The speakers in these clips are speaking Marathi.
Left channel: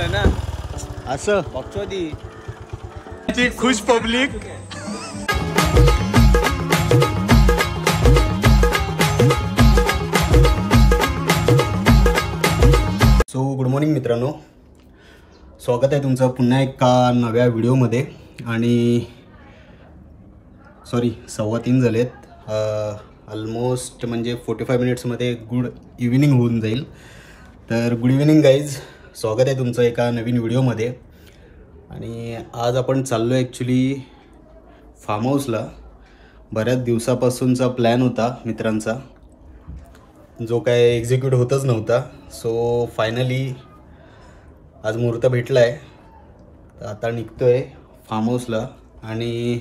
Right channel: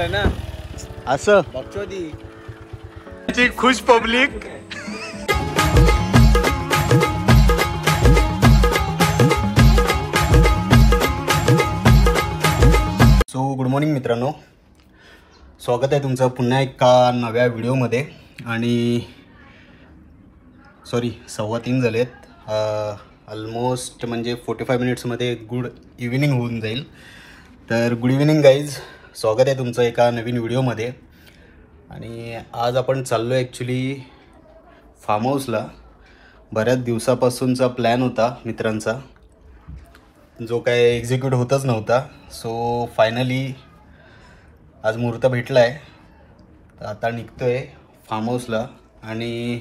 आहे ना असं बघचोदी खुश पब्लिक. सो गुड मॉर्निंग मित्रांनो, स्वागत आहे तुमचं पुन्हा एका नव्या व्हिडिओमध्ये. आणि सॉरी 3:15 झालेत. ऑलमोस्ट म्हणजे 45 मिनिट्समध्ये गुड इव्हिनिंग होऊन जाईल. तर गुड इव्हिनिंग गाईज, स्वागत आहे तुमचं एका नवीन व्हिडिओमध्ये. आणि आज आपण चाललो आहे ॲक्च्युली फार्म हाऊसला. बऱ्याच दिवसापासूनचा प्लॅन होता मित्रांचा, जो काय एक्झिक्यूट होतच नव्हता. सो फायनली आज मुहूर्त भेटला आहे. तर आता निघतो आहे फार्म हाऊसला. आणि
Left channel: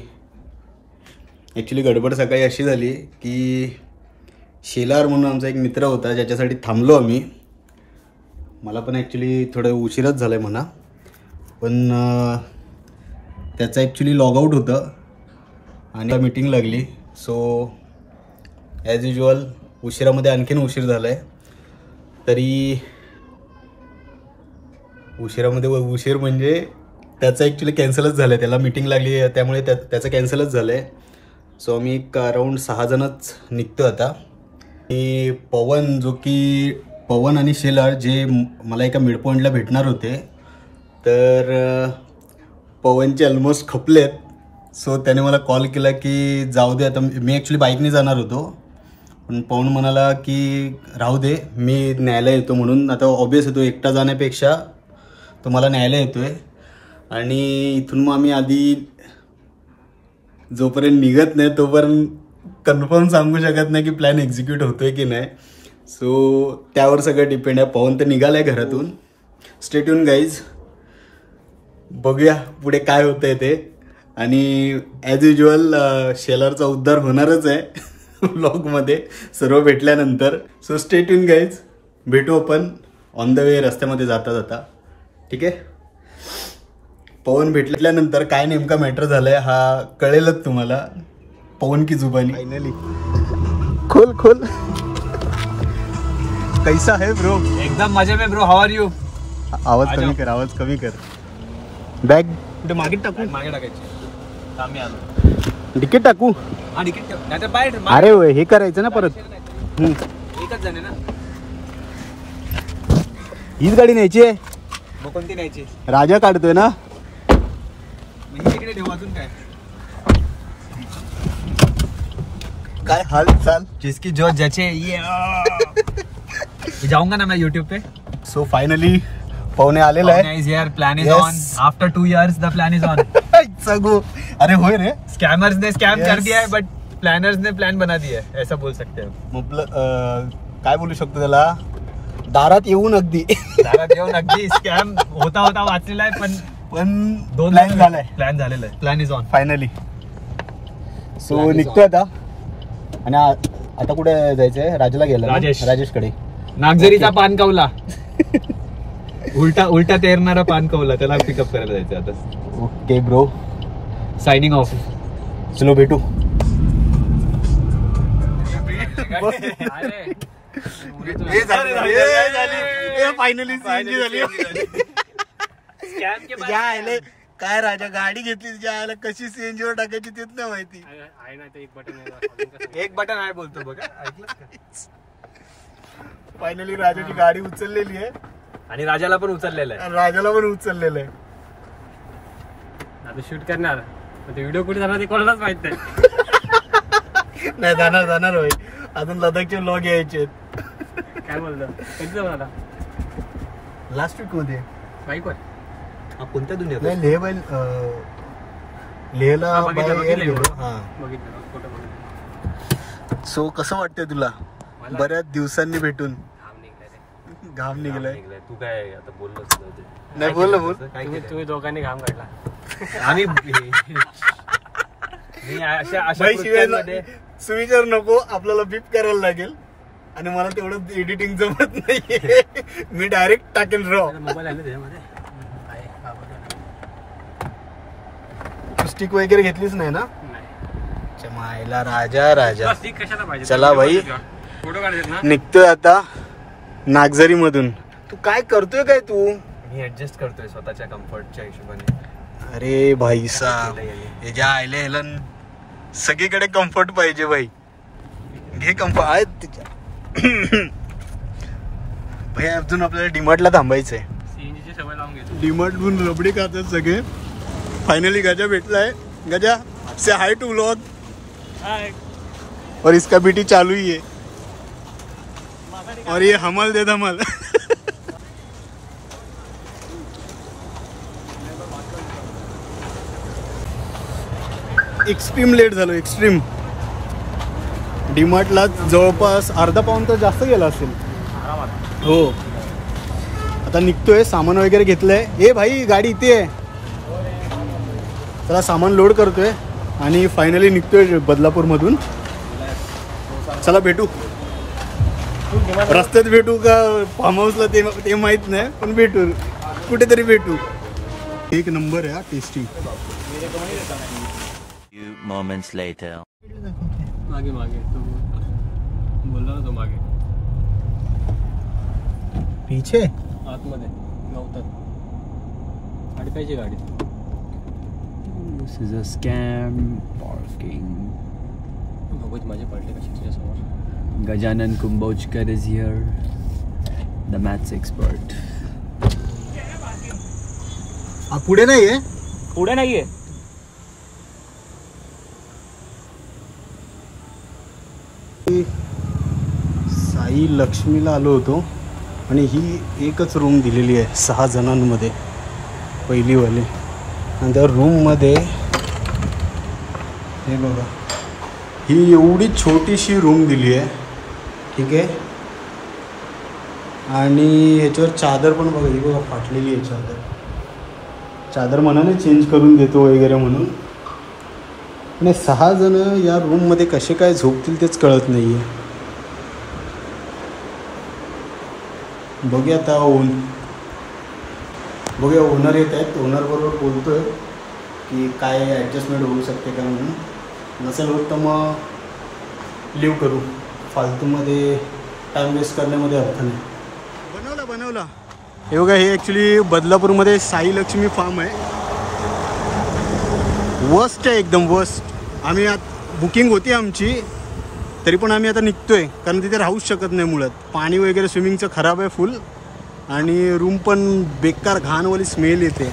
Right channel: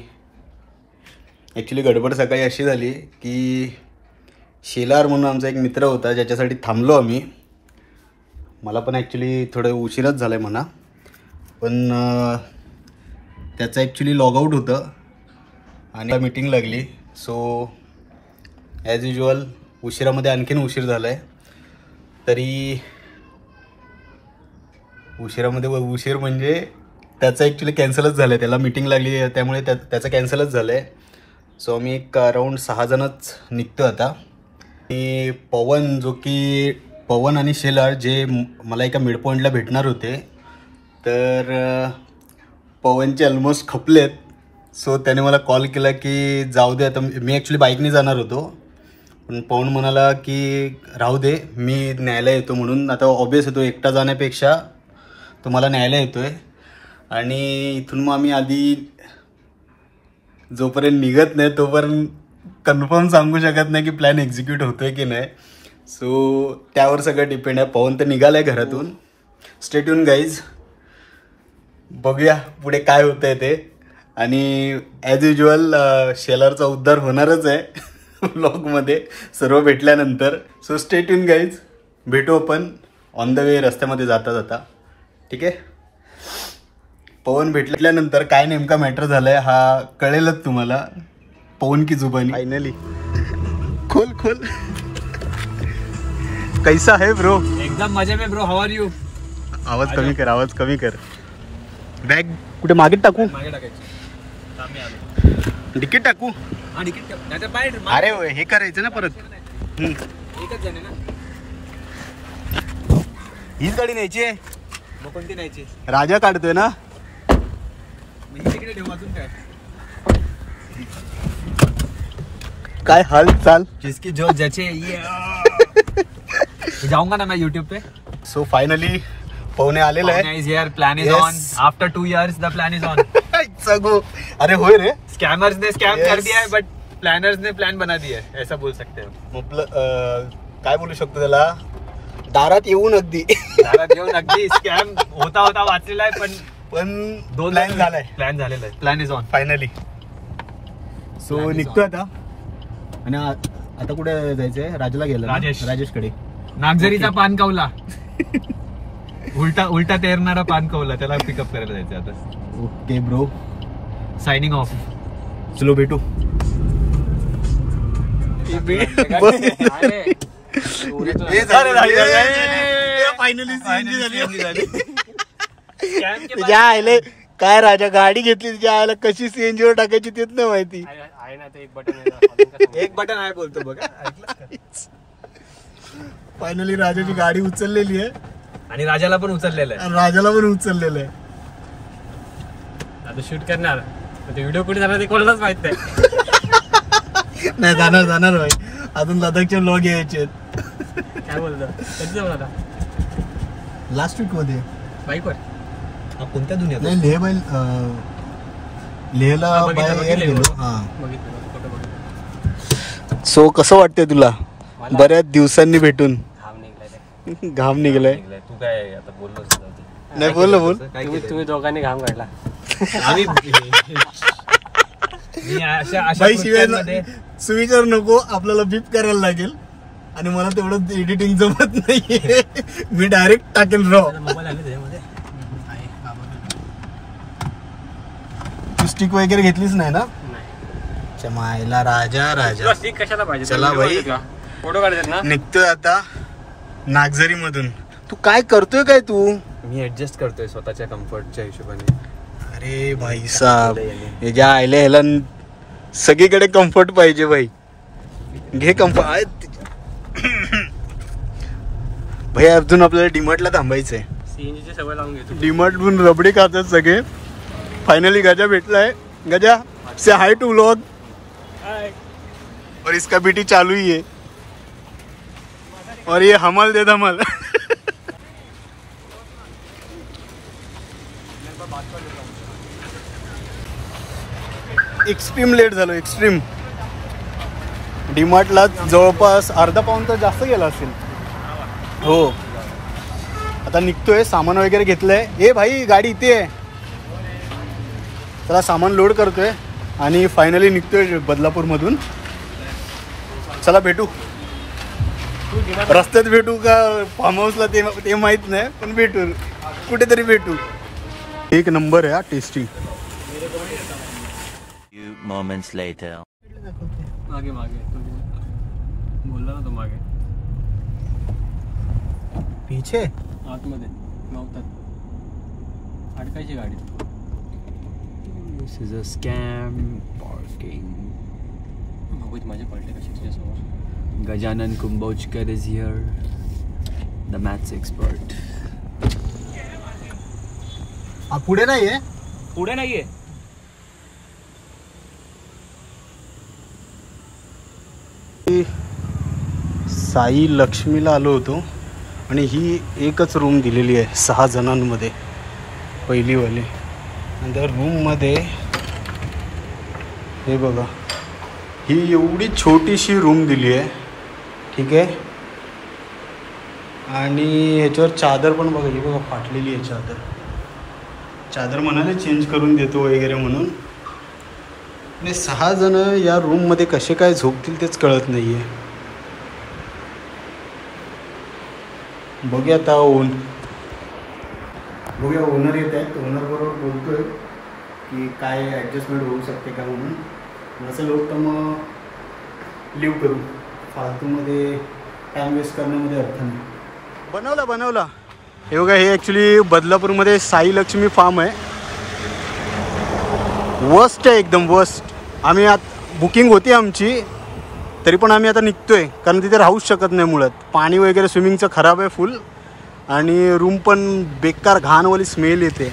ॲक्च्युली गडबड सकाळी अशी झाली की शेलार म्हणून आमचा एक मित्र होता ज्याच्यासाठी थांबलो आम्ही. मला पण ॲक्च्युली थोडं उशीरच झालं आहे म्हणा, पण त्याचं ॲक्च्युली लॉगआउट होतं आणि मीटिंग लागली. सो ॲज युजल उशिरामध्ये आणखीन उशीर झाला आहे. तरी उशिरामध्ये उशीर म्हणजे त्याचं ॲक्च्युली कॅन्सलच झालं आहे. त्याला मीटिंग लागली त्यामुळे त्याचं कॅन्सलच झालं आहे. सो आम्ही एक अराऊंड 6 जणच निघतो आता. आणि पवन आणि शेलार जे मला एका मिड पॉईंटला भेटणार होते, तर पवनचे ऑलमोस्ट खपलेत. सो त्याने मला कॉल केला की जाऊ दे. आता मी ॲक्च्युली बाईकने जाणार होतो, पण पवन म्हणाला की राहू दे, मी न्यायला येतो म्हणून. आता ऑब्वियस येतो, एकटा जाण्यापेक्षा तो मला न्यायला येतो आहे. आणि इथून मग आम्ही आधी जोपर्यंत निघत नाही तोपर्यंत कन्फर्म सांगू शकत नाही की प्लॅन एक्झिक्यूट होतोय की नाही. सो त्यावर सगळं डिपेंड आहे. पवन तर निघालाय घरातून. स्टे ट्यून गाईज, बघूया पुढे काय होतंय ते. आणि ॲज युजल शेलारचा उद्धार होणारच आहे व्लॉगमध्ये सर्व भेटल्यानंतर. सो स्टे ट्यून गाईज, भेटू आपण ऑन द वे रस्त्यामध्ये जाता जाता. ठीक आहे. पवन भेटल्यानंतर काय नेमका मॅटर झालाय हा कळेलच तुम्हाला. पवन की जुबानी. फायनली खोल कैसा है ब्रो? एकदम मजे में ब्रो. How R you? आवाज कमी कर. बॅग कुठे मागे टाकू? मागे टाकायची. आम्ही आलो. तिकीट टाकू? हा तिकीट नाही तर बाहेर. अरे हे करायचं ना परत. एकच जण आहे ना. हीच गाडी न्यायची आहे. मग कोणती न्यायची? राजा काढतोय ना. तिकडे ठेवू. अजून काय हाल चाल जिसकी जो जचे ये जाऊंगा ना मैं YouTube पे. सो फायनली पवने आलेला आहे. Plan is on. After 2 years the plan is on. अरे होय रे, स्कॅमर्स ने स्कॅम कर दिया है बट प्लॅनर्स ने प्लॅन बना दिया है, ऐसा बोल सकते हो. काय बोलू शकतो त्याला, दारात येऊन अगदी स्कॅम होता वाचलेला आहे. पण 2 प्लॅन झालाय. Plan is on finally. So निघतोय आता. आणि आता कुठे जायचंय? राजाला गेला. राजेशकडे. नागझरीचा पान कवला उलटा तेरणारा पान कवला, त्याला पिकअप करायला जायचं आता. Okay bro, signing off. चलो भेटू. तुझ्या आईले काय राजा गाडी घेतली, तुझ्या आईला कशी सीएनजी वर टाकायची तेच नाही माहिती. आहे ना ते एक बटन आहे बोलतो बघा. फायनली राजाची गाडी उचललेली आहे आणि राजाला पण उचललेलं आहे. आता शूट करणार ते व्हिडिओ कुठे जाणार ते कोणालाच माहित नाही. जाणार भाई, अजून लडाखचे व्लॉग यायचे. काय बोलतो? कधी जाऊ आता? लास्ट वीक मध्ये बाईकवर. कोणत्या दुनियेत? लेहला गेलो. सो कसं वाटतंय तुला बऱ्याच दिवसांनी भेटून? घाम निघलाय. तू काय आता बोललो नाही? बोल. तुम्ही दोघांनी घाम काढला. सुविचार नको, आपल्याला बीप करायला लागेल. आणि मला तेवढं एडिटिंग जमत नाहीये. मी डायरेक्ट टाकेल रॉ. मोबाईल आहे त्याच्यामध्ये. तू स्टिक वगैरे घेतलीच नाही ना? मायला राजा. चला भाई, निघतोय आता नागझरी मधून. तू काय करतोय काय? तू मी ऍडजस्ट करतोय स्वतःच्या कम्फर्टच्या हिशोबाने. अरे भाई साहब, हे ज्या आयल्या ह्याला सगळीकडे कम्फर्ट पाहिजे भाई. घे कम्फर्ट आहेत भाई. अजून आपल्याला डीमार्टला थांबायचंय. सीएनजीची सवय लावून घेतो. डीमार्टहून रबडी खातात सगळे. फाइनली गजा भेटलाय. Gaja say hi to vlog. Hi. और इसका बीटी चालू ही है और ये हमल दे धमल. एक्स्ट्रीम लेट झालो, एक्स्ट्रीम. डीमार्टला जवळपास अर्धा पाऊण तर जास्त गेला असेल. हो, आता निघतोय. सामान वगैरे घेतलंय. ए भाई, गाडी इथे आहे. चला सामान लोड करतोय आणि फायनली निघतोय बदलापूरमधून. चला भेटू. रस्त्यात भेटू का फार्म हाऊसला ते माहित नाही, पण भेटू कुठेतरी भेटू. एक नंबर आहे हा, टेस्टी. moments later. मागे मागे तू बोलला ना, तू मागे पीछे आतमध्ये नव्हतं. अडकायची गाडी. This is a scam parking. बघूच माझे पडले कशी तुझ्यासमोर. Gajanan Kumbhochkar is here, the maths expert. पुढे नाहीये. पुढे नाहीये. साई लक्ष्मीला आलो होतो आणि ही एकच रूम दिलेली आहे 6 जणांमध्ये, पहिलीवाले. आणि त्या रूममध्ये हे बघा, ही एवढी छोटीशी रूम दिली आहे. ठीक आहे. आणि ह्याच्यावर चादर पण बघा, ही बघा फाटलेली आहे चादर. चादर म्हणाने चेंज करून देतो वगैरे म्हणून. आणि 6 जण या रूममध्ये कसे काय झोपतील तेच कळत नाही आहे. बघूया आता. बघूया ओनर येत आहेत. ओनरबरोबर बोलतोय की काय ॲडजस्टमेंट होऊ शकते का म्हणून. नसेल होत तर मग लिव्ह करू. फालतूमध्ये टाईम वेस्ट करण्यामध्ये अर्थ नाही. बनवला. हे बघा, हे ॲक्च्युली बदलापूरमध्ये साई लक्ष्मी फार्म आहे. वर्स्ट आहे, एकदम वर्स्ट. आम्ही बुकिंग होती आमची, तरी पण आम्ही आता निघतोय कारण तिथे राहूच शकत नाही मुळात. पाणी वगैरे स्विमिंगचं खराब आहे फुल, आणि रूम पण बेकार घाणवाली स्मेल येते.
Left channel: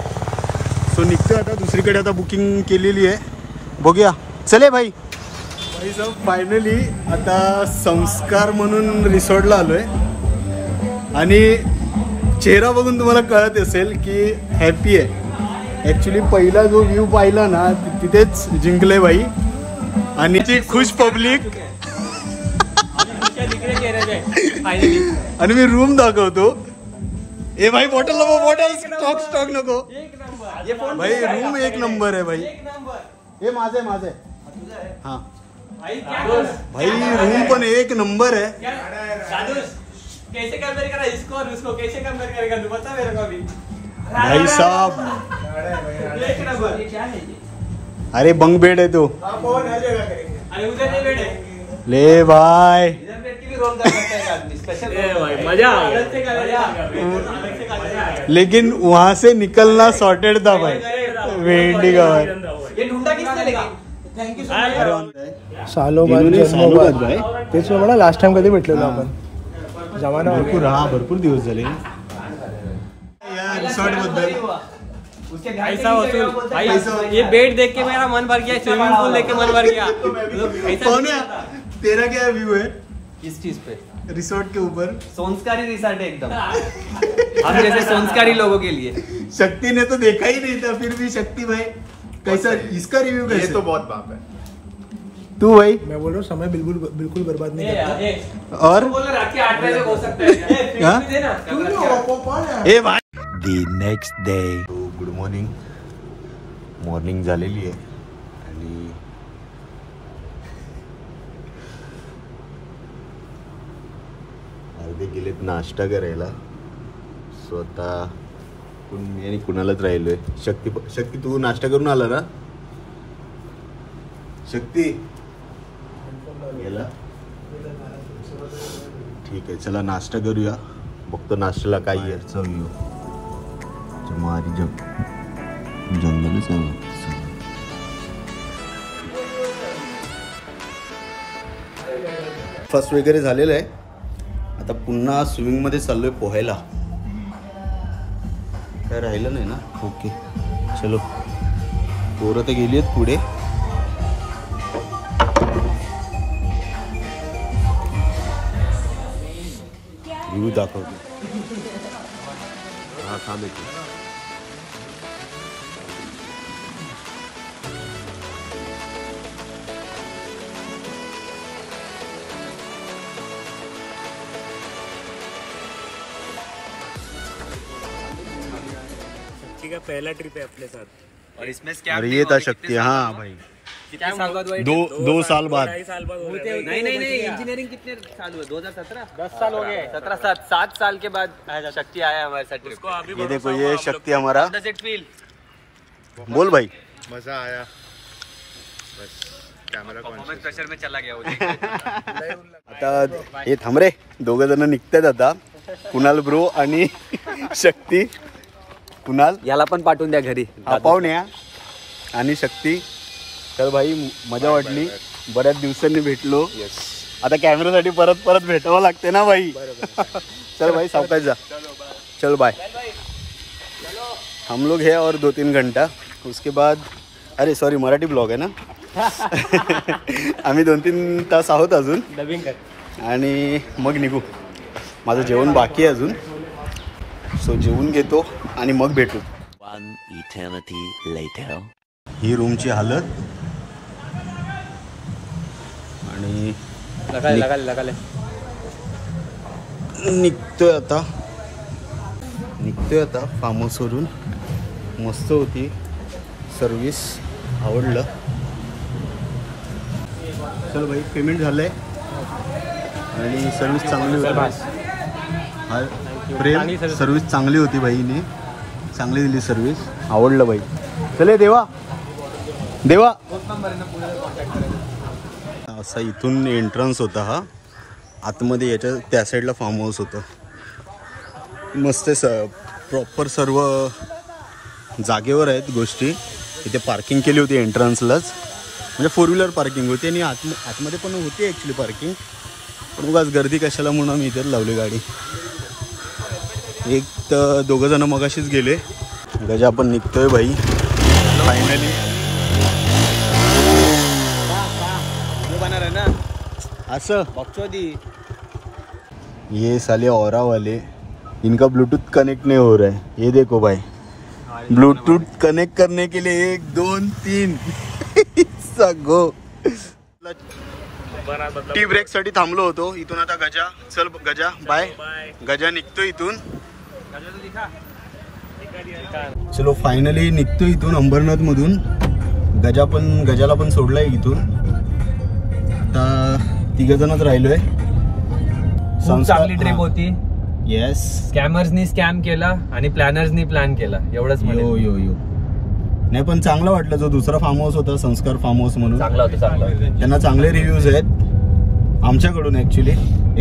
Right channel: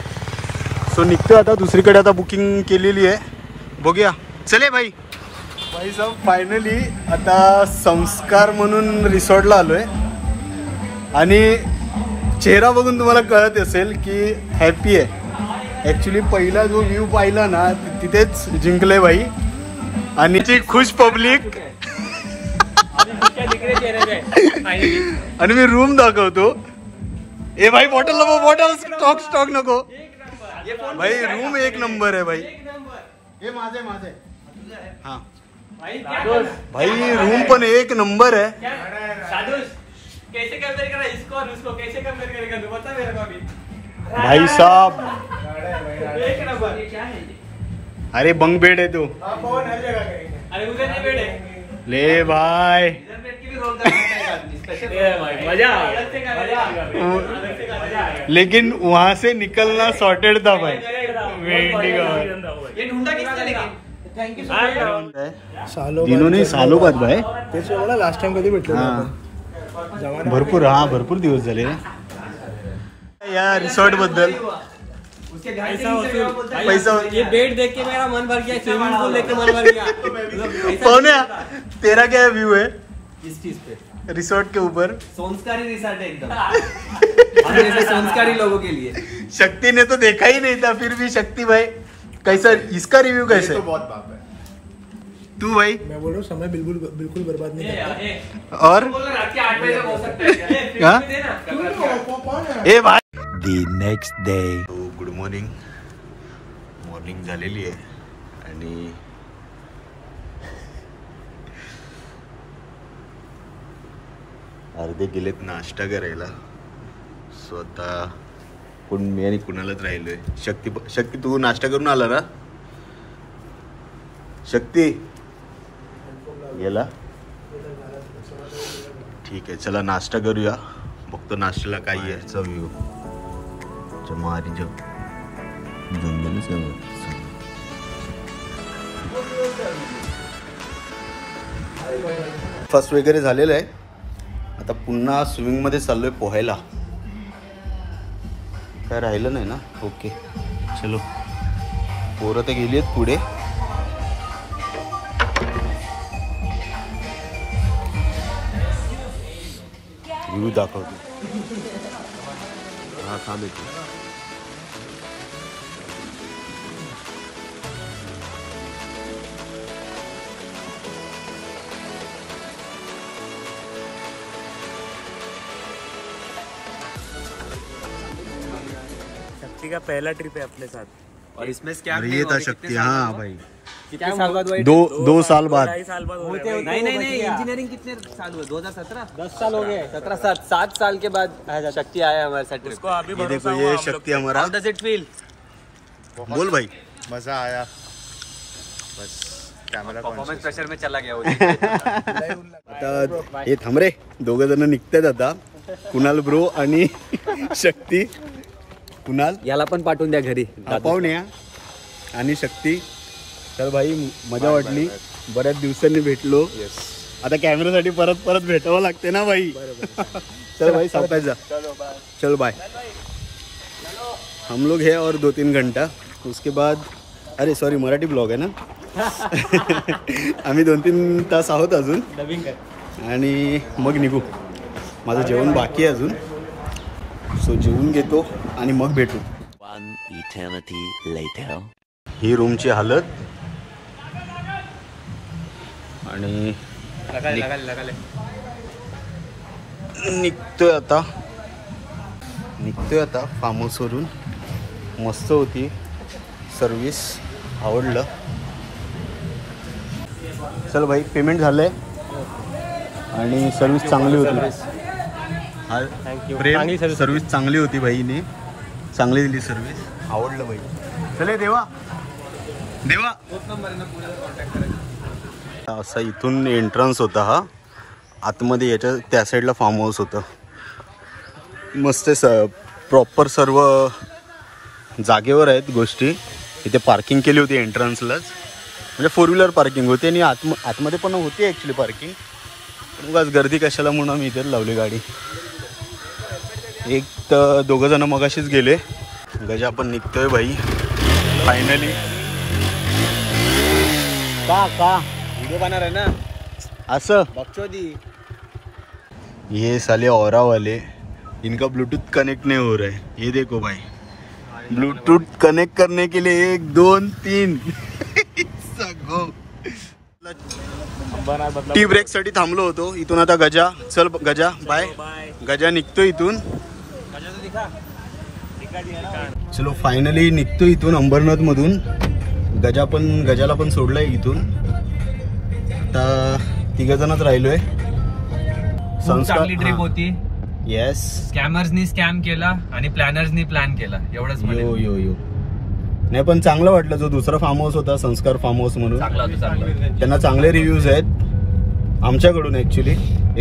सो निघतोय आता दुसरीकडे. आता बुकिंग केलेली आहे, बघूया. चले भाई साहेब. फायनली आता संस्कार म्हणून रिसॉर्टला आलोय आणि चेहरा बघून तुम्हाला कळत असेल की हॅपी आहे. ॲक्च्युली पहिला जो व्ह्यू पाहिला ना, तिथेच जिंकले भाई. आणि ती खुश पब्लिक. आणि मी रूम दाखवतो. ए भाई, बॉटल स्टॉक नको भाई. रूम एक नंबर आहे भाई. हे माझं आहे. हा भाई, रूम पण एक नंबर आहे. भाई साहब, अरे बंक बेड है तो. ले भाई, लेकिन वहां से निकलना सॉर्टेड था भाई. वेंडी का सालो बाद भाई. तेच मला लास्ट टाइम कधी भेटलेलो आपण. भरपूर दिवस झाले या रिसॉर्ट बद्दल. पैसा ये बेड देख के मेरा मन भर गया. स्विमिंग पूल देख के मन भर गया. कौन है तेरा? क्या व्यू है किस चीज पे? रिसॉर्ट के ऊपर? संस्कारी रिसॉर्ट है एकदम. हम जैसे संस्कारी लोगों के लिए. शक्ति ने तो देखा ही नहीं था, फिर भी शक्ति भाई कैसा, इसका रिव्यू कैसे? तो बहुत बाप है. तू भाई? मैं बोल रहा हूँ समय बिल्कुल बर्बाद नहीं करता. और रात के 8 बजे हो सकता है. ए भाई. The next day. Good morning झालेली आहे आणि अर्धे गेलेत नाश्ता करायला. स्वतः पण मी आणि कुणालाच राहिलोय. शक्ती तू नाश्ता करून आला ना? शक्ती गेला. ठीक आहे, चला नाश्ता करूया. बघतो नाश्त्याला काय आहे. चव येऊ. जमारी जंगलच आहे. फर्स्ट वगैरे झालेलं आहे. आता पुन्हा स्विमिंगमध्ये चाललोय पोहायला. काय राहिलं नाही ना. ओके चलो. पोरं तर गेली आहेत पुढे. व्ह्यू दाखवतो. हा थांब येतो. शक्ति का पहला ट्रिप है अपने साथ और इसमें और ये था शक्ति. हाँ भाई कितने साल बाद हुआ? 2 साल बाद. 2.5 साल बाद नहीं इंजीनियरिंग कितने साल हुए? 2017 10 साल हो गए. 7 साल के बाद शक्ति आया हमारे साथ ट्रिप. ये देखो ये शक्ति हमारा. How does it feel? बोल भाई. मजा आया. बस कॅमेरा परफॉर्मेंस प्रेशर में चला गया वो. आता हे थांब रे. 2 जण निघतात आता. कुणाल ब्रो आणि शक्ती. कुणाल याला पण पाठवून द्या घरी. पाहुण्या आणि शक्ती. तर भाई मजा वाटली. बऱ्याच दिवसांनी भेटलो. आता कॅमेरासाठी परत भेटावं लागते ना भाई. चल भाई सावकाश जा. चल बाय. हम लोग है और 2-3 घंटा. उसके बाद अरे सॉरी मराठी ब्लॉग आहे ना. आम्ही 2-3 तास आहोत अजून आणि मग निघू. माझं जेवण बाकी आहे अजून. सो जेवून घेतो आणि मग भेटू. One eternity later. ही रूमची हालत. आणि निघतोय आता फार्म हाऊसवरून. मस्त होती सर्विस. आवडलं. चल भाई पेमेंट झालंय आणि सर्विस चांगली होती. हा प्रेम सर्विस चांगली होती भाईने. चांगली दिली सर्विस. आवडलं भाई. चले देवा. असा इथून एंट्रन्स होता हा. आतमध्ये याच्या त्या साईडला फार्म हाऊस होतं. मस्त प्रॉपर सर्व जागेवर आहेत गोष्टी. इथे पार्किंग केली होती एंट्रन्सलाच. म्हणजे 4 व्हीलर पार्किंग होती आणि आतमध्ये पण होती ॲक्च्युली पार्किंग. पण उगाच गर्दी कशाला म्हणून आम्ही इथेच लावली गाडी. एक तर 2 जण मगाशीच गेले. गजा पण निघतोय भाई फायनली. असं ये साले औरा वाले इनका ब्लूटूथ कनेक्ट नहीं हो रहा है. ये देखो भाई ब्लूटूथ कनेक्ट करने के लिए 1 2 3 गो. टी ब्रेक साठी थांबलो होतो. इथून आता गजा. चल गजा बाय. गजा निघतो इथून. चलो फायनली निघतो इथून अंबरनाथ मधून. गजाला पण सोडलाय इथून. आता 3 जणच राहिलोय. चांगली ट्रिप होती. येस. स्कॅमर्सनी स्कॅम केला आणि प्लॅनर्सनी प्लॅन केला. एवढंच. यो नाही पण चांगलं वाटलं. जो दुसरा फार्म हाऊस होता संस्कार फार्म हाऊस म्हणून. त्यांना चांगले रिव्ह्यूज आहेत आमच्याकडून. ऍक्च्युली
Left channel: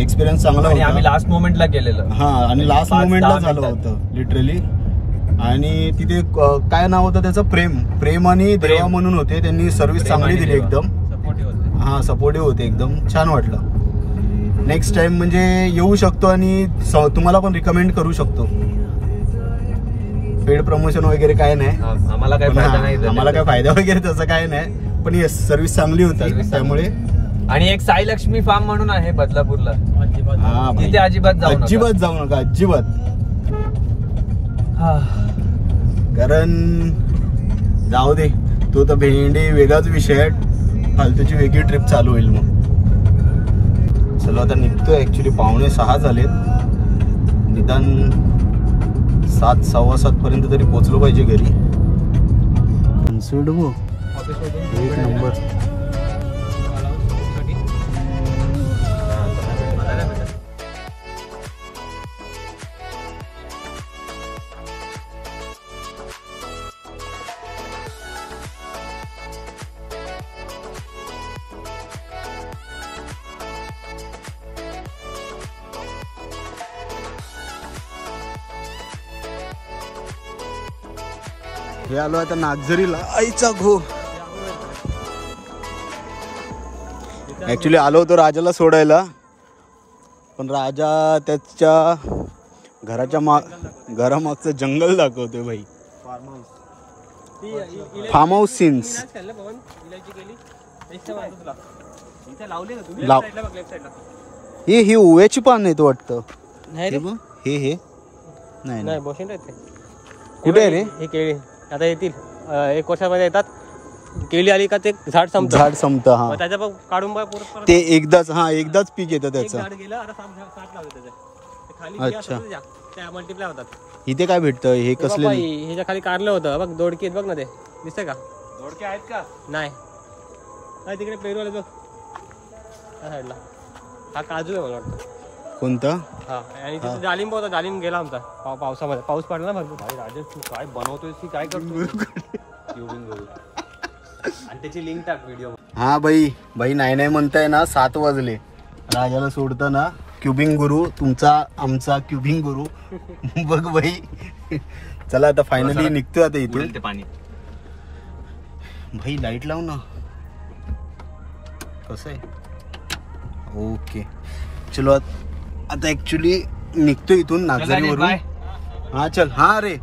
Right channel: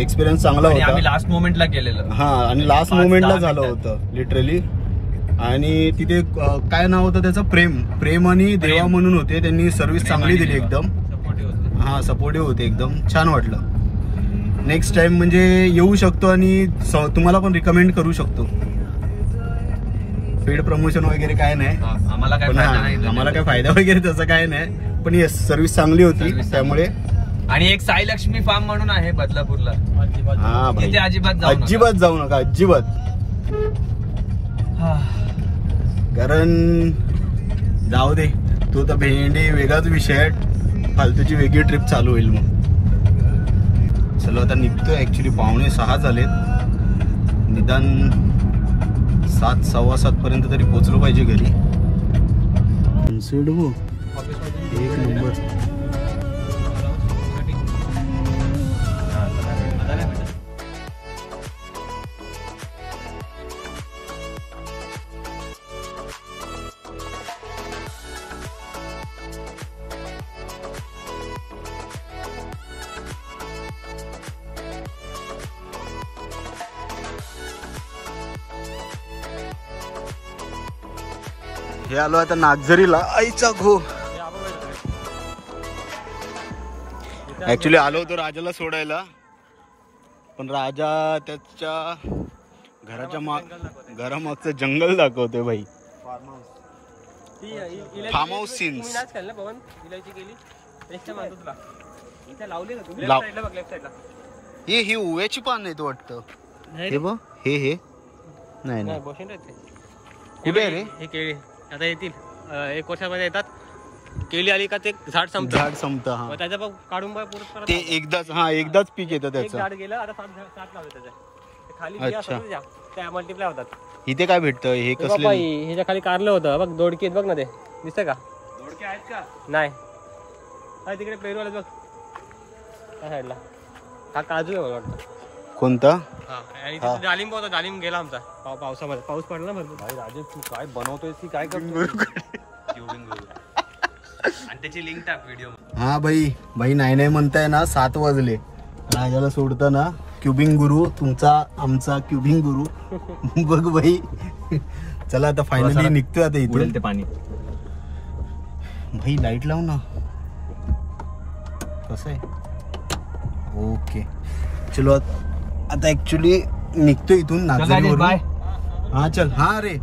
एक्सपिरियन्स चांगला होता. आम्ही लास्ट मोमेंटला केलेलं. हा आणि लास्ट मोमेंटला झालं होतं लिटरली. आणि तिथे काय नाव होतं त्याचं प्रेम आणि देवा म्हणून होते. त्यांनी सर्व्हिस चांगली दिली एकदम. हा सपोर्टिव्ह होते एकदम. छान वाटलं. नेक्स्ट टाइम म्हणजे येऊ शकतो आणि तुम्हाला पण रिकमेंड करू शकतो. पेड प्रमोशन वगैरे काय नाही. आम्हाला काय फायदा वगैरे तसं काय नाही. पण येस सर्व्हिस चांगली होती त्यामुळे. आणि एक साई लक्ष्मी फार्म म्हणून आहे बदलापूरला. हा तिथे अजिबात जाऊ नका. अजिबात. कारण जाऊ दे. तो तर भेंडी वेगळाच विषय आहे. फालतूची वेगळी ट्रिप चालू होईल मग. चलो आता निघतोय. ऍक्च्युली 6:45 झालेत. निदान 7 सव्वा 7 पर्यंत तरी पोहोचलो पाहिजे घरी. एक नंबर. हे आलो आता नागझरीला. आईचा घो. ऍक्च्युली आलो होतो राजाला सोडायला, पण राजा त्याच्या घरामागचं जंगल दाखवतोय भाई. फार्म हाऊस सीन्स ही ओव्याची पान आहेत वाटतं. हे बघ हे नाही नाही कुठे आहे रे? हे केळी आता येतील 1 वर्षामध्ये येतात. केळी आली का ते झाड संपतं. हा त्याच्या काढून परत ते एकदाच पीक येतं त्याचं. झाड गेलं आता 7 लावले त्याचे खाली. अच्छा. त्या मल्टिप्लाय होतात. इथे काय भेटतं हे कसले? ह्याच्या खाली कारलं होतं बघ. दोडके बघ ना ते दिसतंय का? दोडके आहेत का? नाही तिकडे पेरू बघ साईडला. हा काजू आहे मला वाटतं. कोणता? हा आणि तिथे डालिंब होता. डालिंब गेला आमचा पावसामध्ये. पाऊस पडला ना भरपूर. राजेश तू काय बनवतोय की काय करतो? आणि त्याची लिंक टाक व्हिडिओ. हा भाई नाही म्हणताय ना. 7 वाजले. राजाला सोडतं ना. क्युबिंग गुरु आमचा क्युबिंग गुरु. बघ भाई. चला आता फायनली निघतोय आता इथून. ते पाणी भाई लाईट लाव ना. कसं आहे? ओके चलो आता ऍक्च्युली निघतो इथून नागझरीवरून. हा चल. हा रे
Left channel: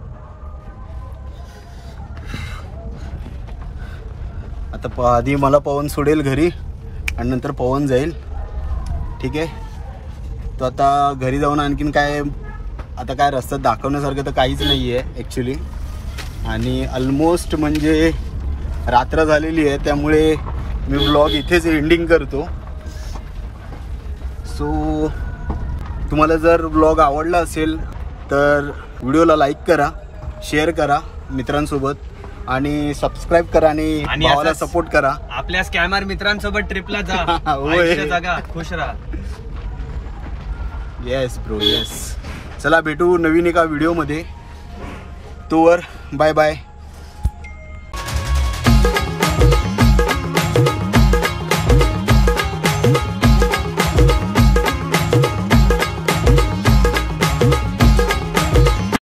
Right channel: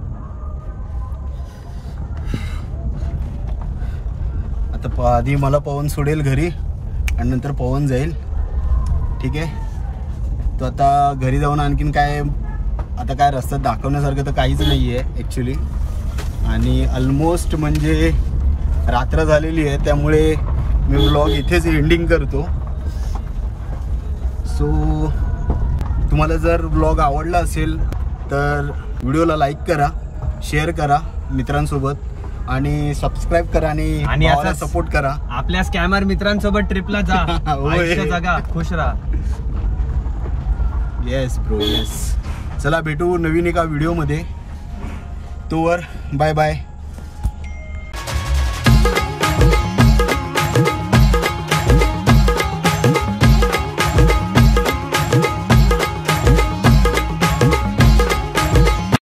आता आधी मला पवन सोडेल घरी आणि नंतर पवन जाईल. ठीक आहे. तो आता घरी जाऊन आणखीन काय रस्त्यात दाखवण्यासारखं तर काहीच नाही आहे ॲक्च्युली. आणि ऑलमोस्ट म्हणजे रात्र झालेली आहे, त्यामुळे मी ब्लॉग इथेच एंडिंग करतो. सो तुम्हाला जर ब्लॉग आवडला असेल तर व्हिडिओला लाईक करा, शेअर करा मित्रांसोबत आणि सबस्क्राईब करा आणि भावाला सपोर्ट करा. आपल्या स्कॅमर मित्रांसोबत ट्रिपला जा. जागा खुश राहा. Yes bro yes. चला भेटू नवीन एका व्हिडिओमध्ये. तोवर बाय बाय.